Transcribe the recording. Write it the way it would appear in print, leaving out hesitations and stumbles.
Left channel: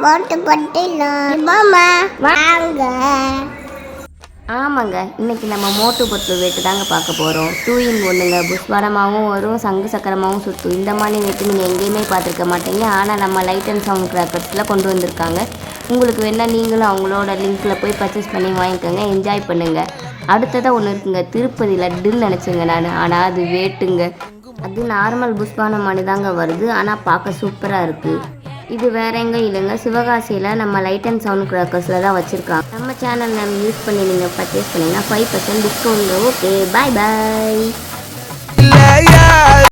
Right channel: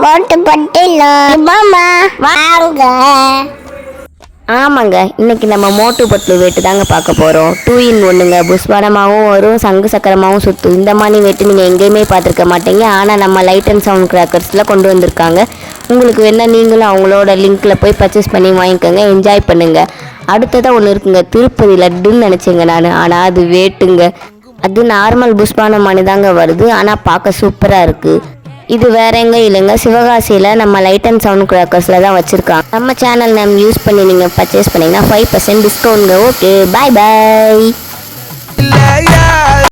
மோட்டு பட்டிலம் மாமா வாங்க. ஆமாங்க, இன்னைக்கு நம்ம மோட்டு பட்லு வெட்டு தாங்க பார்க்க போகிறோம். 2 in 1ங்க. புஷ்பானமாகவும் வரும், சங்கு சக்கரமாகவும் சுற்றும். இந்த மாதிரி வெட்டு நீங்கள் எங்கேயுமே பார்த்துருக்க மாட்டீங்க. ஆனால் நம்ம லைட் அண்ட் சவுண்ட் கிராக்கர்ஸில் கொண்டு வந்திருக்காங்க. உங்களுக்கு வேணால் நீங்களும் அவங்களோட லிங்க்கில் போய் பர்ச்சேஸ் பண்ணி வாங்கிக்கோங்க, என்ஜாய் பண்ணுங்கள். அடுத்ததாக ஒன்று இருக்குங்க, திருப்பதி லட்டுன்னு நினச்சேங்க நான். ஆனால் அது வேட்டுங்க. அது நார்மல் புஷ்பானமானு தாங்க வருது, ஆனால் பார்க்க சூப்பராக இருக்குது. இது வேற எங்க இல்லைங்க, சிவகாசியில் நம்ம லைட் அண்ட் சவுண்ட் கிராக்கர்ஸில் தான் வச்சுருக்காங்க. நம்ம சேனல் நேம் யூஸ் பண்ணி நீங்கள் பர்ச்சேஸ் பண்ணிங்கன்னா 5% டிஸ்கவுண்ட்ங்க. ஓகே, பாய் பாய்.